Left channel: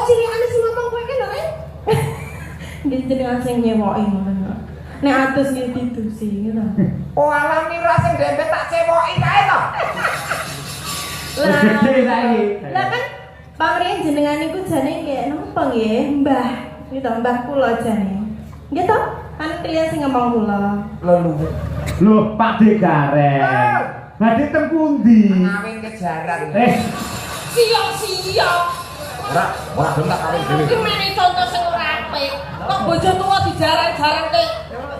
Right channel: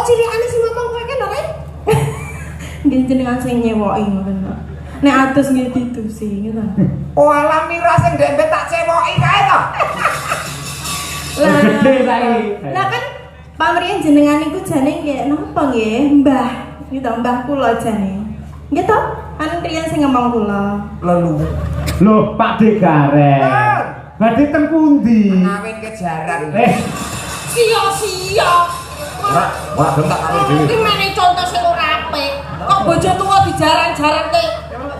Oh cilikane sing ngomong kowe ki lho, Ren. Nggih jenengan sing nyewoki ngoten. Nek atus nggih ditusi ngono. Oh alam mira sing ndek tak cewoki kae to. Lah kan pamrih jenengan iku jane nggih napa nggih? Mbah. Iki to mbah kula jane. Nggih to? Kan riyen sing ngomong kula. Lho Pak De Gareng. Badhe teng pundi? Ngawin kejaran. Sia-sia. Ora bentak karo dhewe. Iki mene contoh sing ora apik. Kok bojo tuwa dijaran-jarante.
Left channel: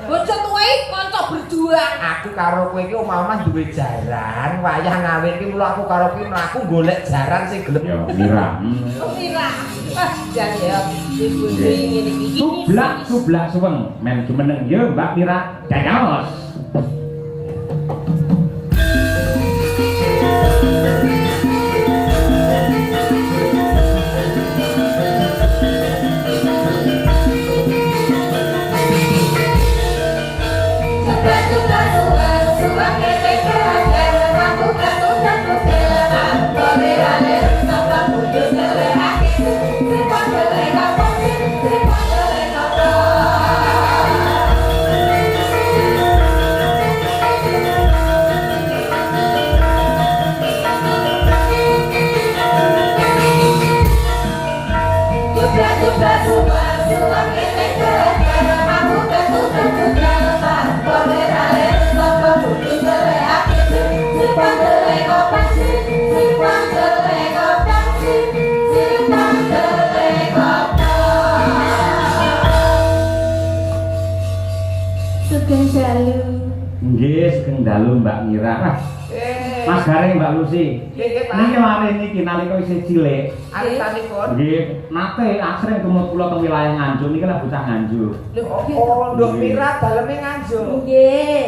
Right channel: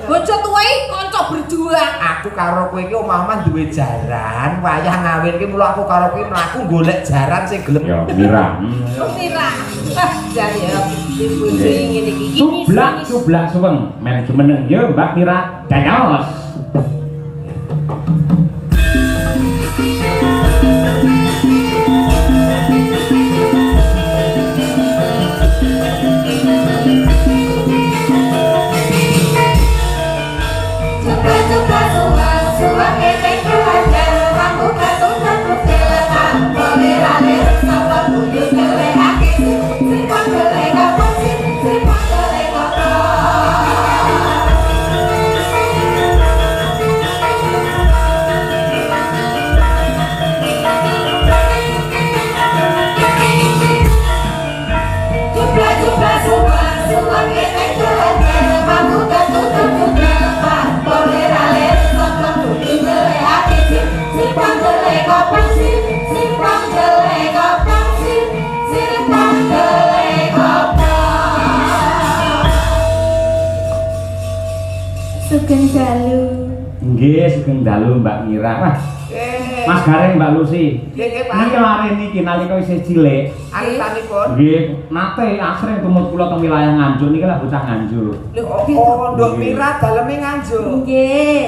Bojo tuwa iki kanca berjuang. Aku karo kowe iki omah-omah duwe jaran, wayah ngawin iki mulo aku karo kowe mlaku golek jaran sing gelem. Ya Mira. Mira. Ah, jare ya ibu ngene iki. Cublak suweng. Men jumeneng yo Mbak Mira. Dados. Sugeng dalu. Nggih, sugeng dalu Mbak Mira. Wah, Mas Gareng Mbak Lucy. Nggih, Pak. Niki lare niki nalika isih cilik. Alusanipun. Nggih, nate asring tumut kula teng wilayah Nganjuk niki lah bocah Nganjuk. Lho, oh, Nduk Mira daleme Nganjuk. Nggih.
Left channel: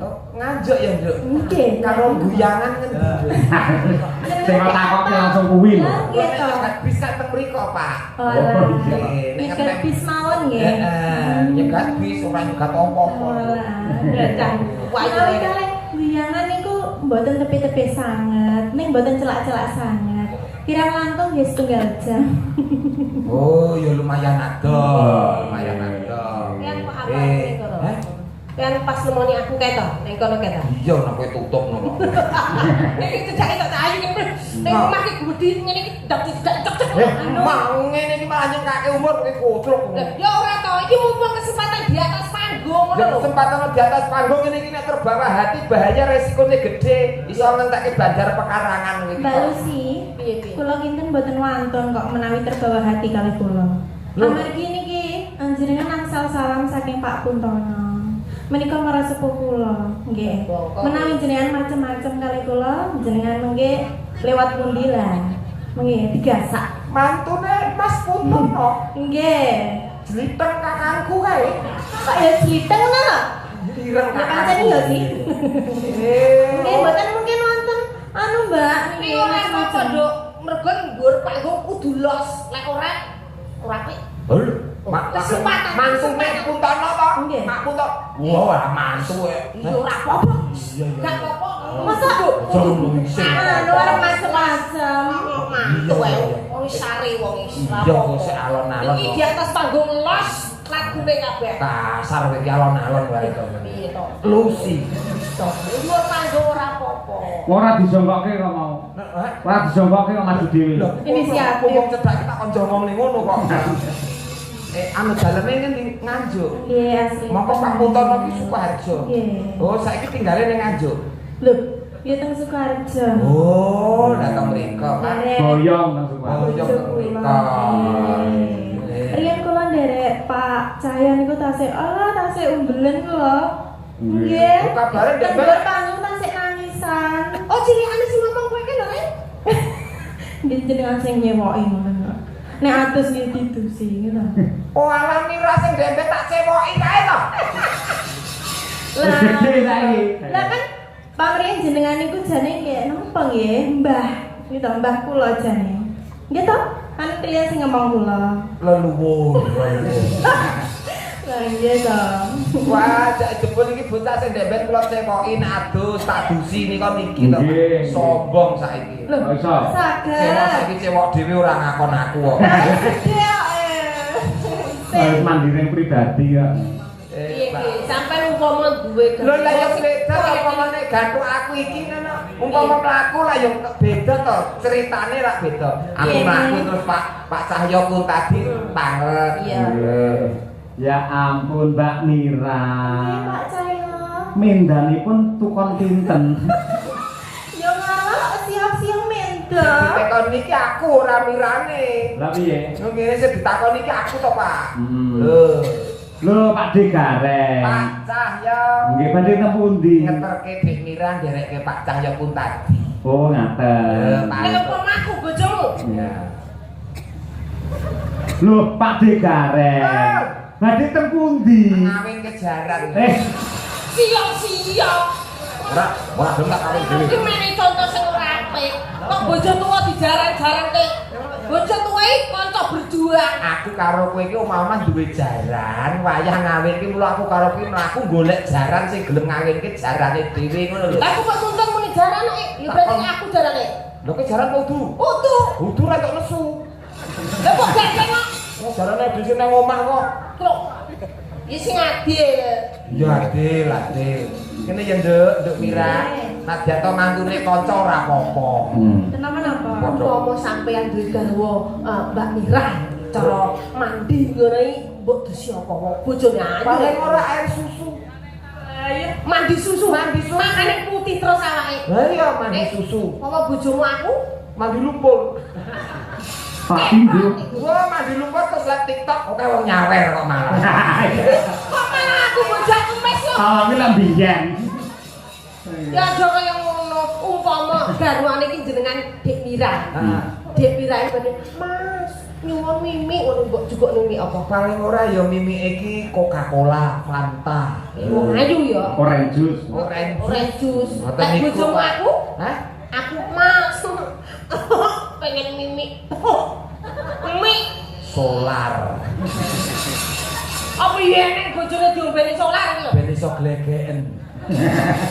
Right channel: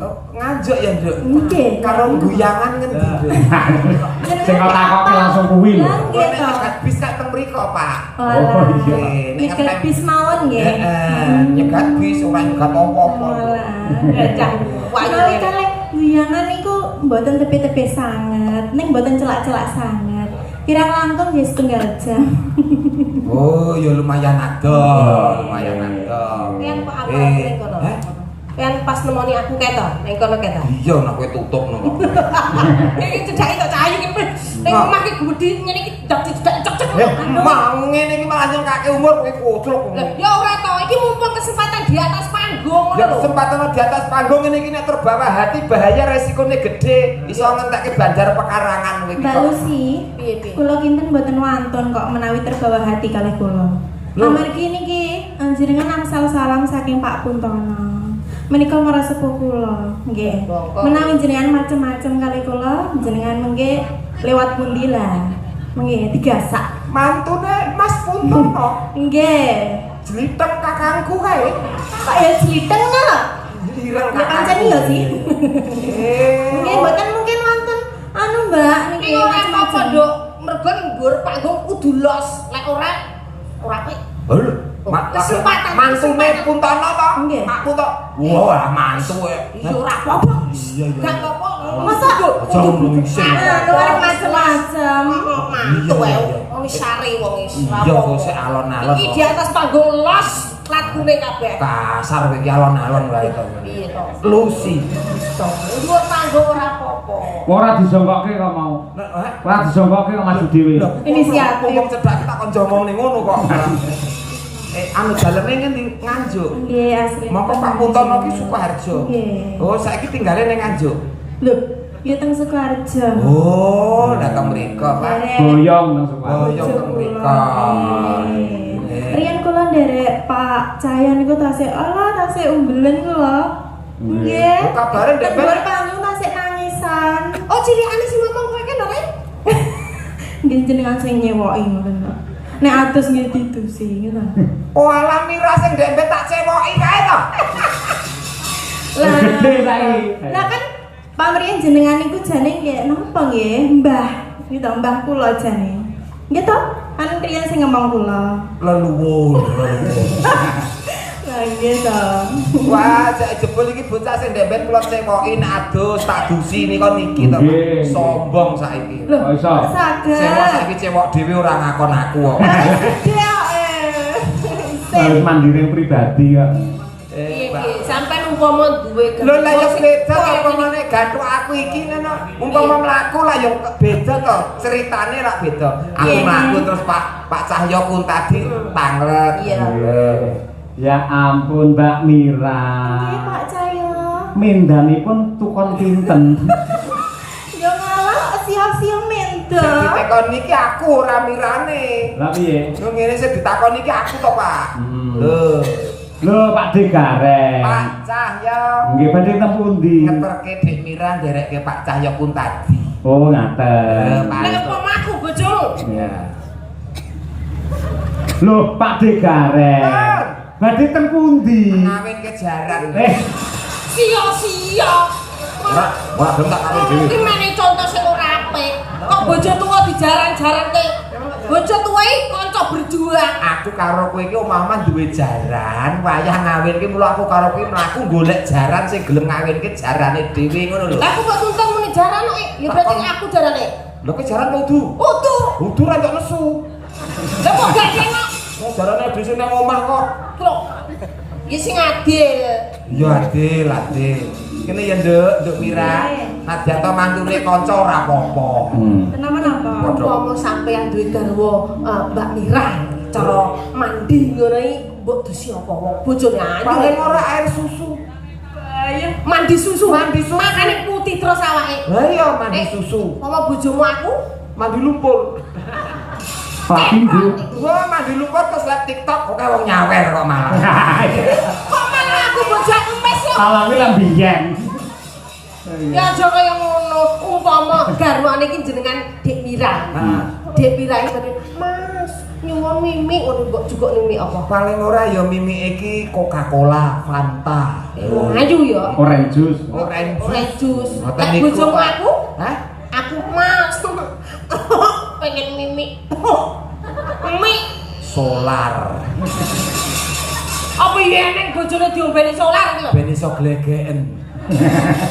Oh, Nganjuk ya, Nduk. Nggih. Karo guyangan ngendi, Nduk? Sing kok takoki langsung kuwi lho. Nggih to. Nek bisa teng mriko, Pak. Oh, iya. Nyegat bis mawon nggih. Heeh, nyegat bis ora nyegat apa-apa. Gajah wayu. Kali guyangan niku mboten tepi-tepi sanget, ning mboten celak-celak sanget. Kirang langkung nggih setunggal jam. Oh, ya lumayan ado, lumayan ado. Pian kok apa ning kono? Pian pas nemoni aku kae to, ning kono kae to. Iya, nek kowe tutup ngono. Iki cedhake tok cahayu ki. Ning omah ki budi ngene iki dak cek-cek. Mau ngene iki malah nyengkake umur kowe kutruk. Ya ora to, iki mumpung kesempatan di atas panggung ngono lho. Kesempatan di atas panggung ngene iki nek terbawa hati bahaya resikonya gede, iso ngentekke bandar pekarangan kowe iki. Mbak Lucy, Piye-piye? kula kinten mboten wonten kok menawi terbawa hati kalih kula. Amargi niki jenengan angsal salam saking Pak Puntono. Menika para sepuh kula, nggih. Menawi jenengan macem-macem kalih kula, jenengan mengke lewat pundi lah. Mengke digasak. Mantune Mas Puntono. Nggih. Jliteng kakangku kae. Kaya sliteng lho. Ireng Ya pancen iya sih. Nggih, mboten mungkin wonten anu Mbak niki Iki ora apa-apa, macem-macem. Nduk. Mergo nggur panggung kudu los. Lek ora apik. Lho, Kesempatan, mantune kesempatan. Puntono to? Nggih. Mak Puntono. Wah, mantu e. Iya ora apa-apa. Iya, iya. Gak apa-apa. Masa Aja ngono isin. anu arep macem-macem. Mantu ae. Wong wis sari wong wis. Iya, kok sik alon-alon. Iki di atas panggung los lagune kabeh. Kasar kowe iki alon-alon wae to. Piye to? Lucy. Dhuwur panggung ora apa-apa. Ora disongkoke kok mau. Ora disongkoke kok maju dhewe. Inisiatif. Wong cedhak kita kon jomong ning ngono kok. Anu daleme ngendi Nganjuk. Nggih, asli. Mongko Pak Puntono ki Sukoharjo. Nggih. Oh, saiki tinggale ning Nganjuk. Lho, ya teng Sukoharjo. Oh, datang mriko, Pak. Goyong nang Sukoharjo. Oh, yo teng mriko. Riyen kula nderek Pak Cahyo niku tasih tasih umbelen kula. Nggih. Oh, kabare ndek Dhuwur panggung tasih nangisan. Oh, cilikane sing ngomong kowe ki lho, Ren. Nggih jenengan sing nyewoki ngoten. Nek atus nggih ditusi ngoten. Oh, alam mira sing ndek tak cewoki kae to. Lah kan pamrih jenengan niku jane nggih napa nggih? Mbah. Iki to mbah kula jane. Nggih to? Kan riyen sing ngomong kula. Leluwur. Lah Nggih to. Wah, cek jebul iki bocah sing ndemben kula cekoki nek adus tak dusi nika niki to. Nggih. Sombong saiki. Lho, Oh, iso. saged. Cewek saiki cewek dhewe ora ngakon aku kok. Gede kok. Harus mandiri pribadi kok. Piye piye sampean umpama duwe Lho lah ya beda to umpamane gantuk aku iki ngono. Umpama mlaku lah ya beda to. Ceritane ra beda. Aku Iya. mlaku terus Pak Cahyo kun tadi tanglet. Iya. Ya ampun Mbak Mira. Nggih, Pak Cahyo. Mindanipun tukon pinten. Yo ngalah siap-siap menda. Ditakon niki aku ora mirane. Lah piye? Yo ngene sing ditakon niki aku to, Pak. Hmm. Lho Pak Degareng. Pak Cahyo. Nggih badhe teng pundi? Ngeterke Dik Mira nderekke Pak Cahyo kun tadi. Oh ngaten. Nek umpama aku bojomu. Ya. Lho Pak Degareng. Badhe teng pundi? Ngawin kejaran. Sia-sia. Ora bentak karo dhewe. Iki mene contoh sing ora apik. Kok bojo tuwa dijaran-jarante. Bojo tuwa iki kanca berjuang. Aku karo kowe iki omah-omah duwe jaran, wayah ngawinke mula aku karo kowe mlaku golek jaran sing gelem ngawinke jarane dhewe ngono lho. Lah aku kok tuntun muni jaran kok. Ya berarti aku jarane. Lho kowe jaran kudu. Kudu. Kudu ra tok nesu. Lah kok gak kena. Oh jarane dhisik nang omah kok. Kok. Ya sing adil. Iya adil, adil. Kene ya Nduk Mira. Nadyan to mantune kanca ora apa-apa. Kenapa-napa? Umpama sampean duwe garwa Mbak Mira cara mandi ngono iki mbok dusi apa wong bojone ayu. Paling ora air susu. Ayo. Mandi susu. Mandi susu. Makane putih terus awake. Lah iya mandi susu. Umpama bojomu aku Mandi lumpur. Pak Pindu. Wah mandi lumpur terus liat TikTok oke wong nyawer kok malah. kok malah aku bojo aku mes lho. Alange lan biyen. Ya aja kaya ngono. Umpama garwane iki jenengan Dik Mira. Heeh. Dik Mira iki tadi, Mas, nyuwun mimi ngono mbok juga mimi apa? Paling ora ya mimi iki Coca-Cola, Fanta. Wong ayu ya. Orange juice. Orange juice. Ngoten Nek niku, bojomu Pak. aku, Hah? aku Mas. Pengen mimi. Mimi. Solar. Apa iya nek bojone diombeni solar iki lho? Ben iso glegeken.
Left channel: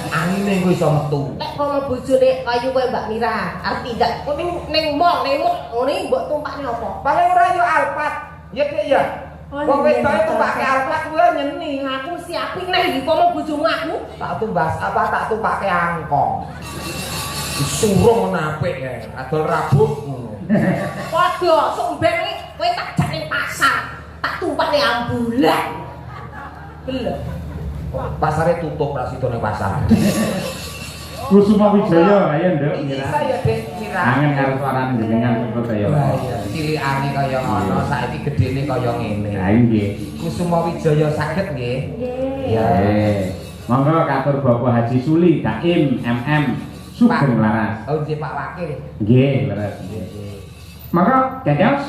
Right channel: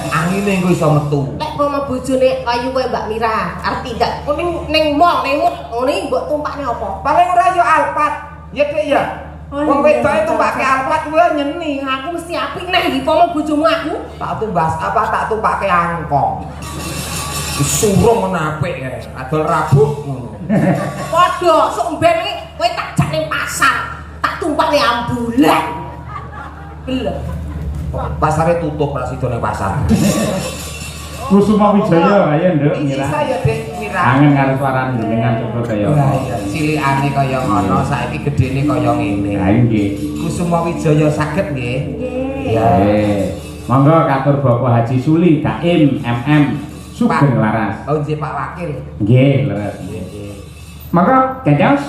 Angine engko iso metu. Nek kono bojone kayu kowe Mbak Mira, arep pindah. Kok ning mall, ning mall ngene mbok tumpakne apa? Paling ora ya Alphard. Ya Dik ya. Oh, Wong iya, wedok iya, itu pakai iya. Alphard kuwi nyeni. Aku mesti apik nek iki pomo bojomu aku. Tak tumbas apa tak tumpake angkong. Surung menapik ya. Adol rabuk ngono. Padha sok ben iki kowe tak jak ning pasar, tak tumpakne ambulan. Belum. Pasare tutup ra sida ning pasar. Kusuma Wijaya ayo Nduk Iki Mira. saya Dik Mira. Kangen karo suarane jenengan kok kaya Wah apa. iya, cilikane kaya ngono, saiki gedene kaya ngene. Lah nggih. Kusuma Wijaya saged nggih. Nggih. Monggo katur Bapak Haji Suli Daim MM Sugeng Laras. Oh nggih Pak Wakil. Nggih, leres. Monggo dados.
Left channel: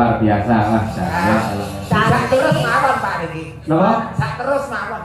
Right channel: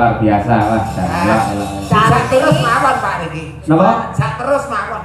luar biasa lah. Sak terus mawon Pak niki. Napa? Sak terus mawon.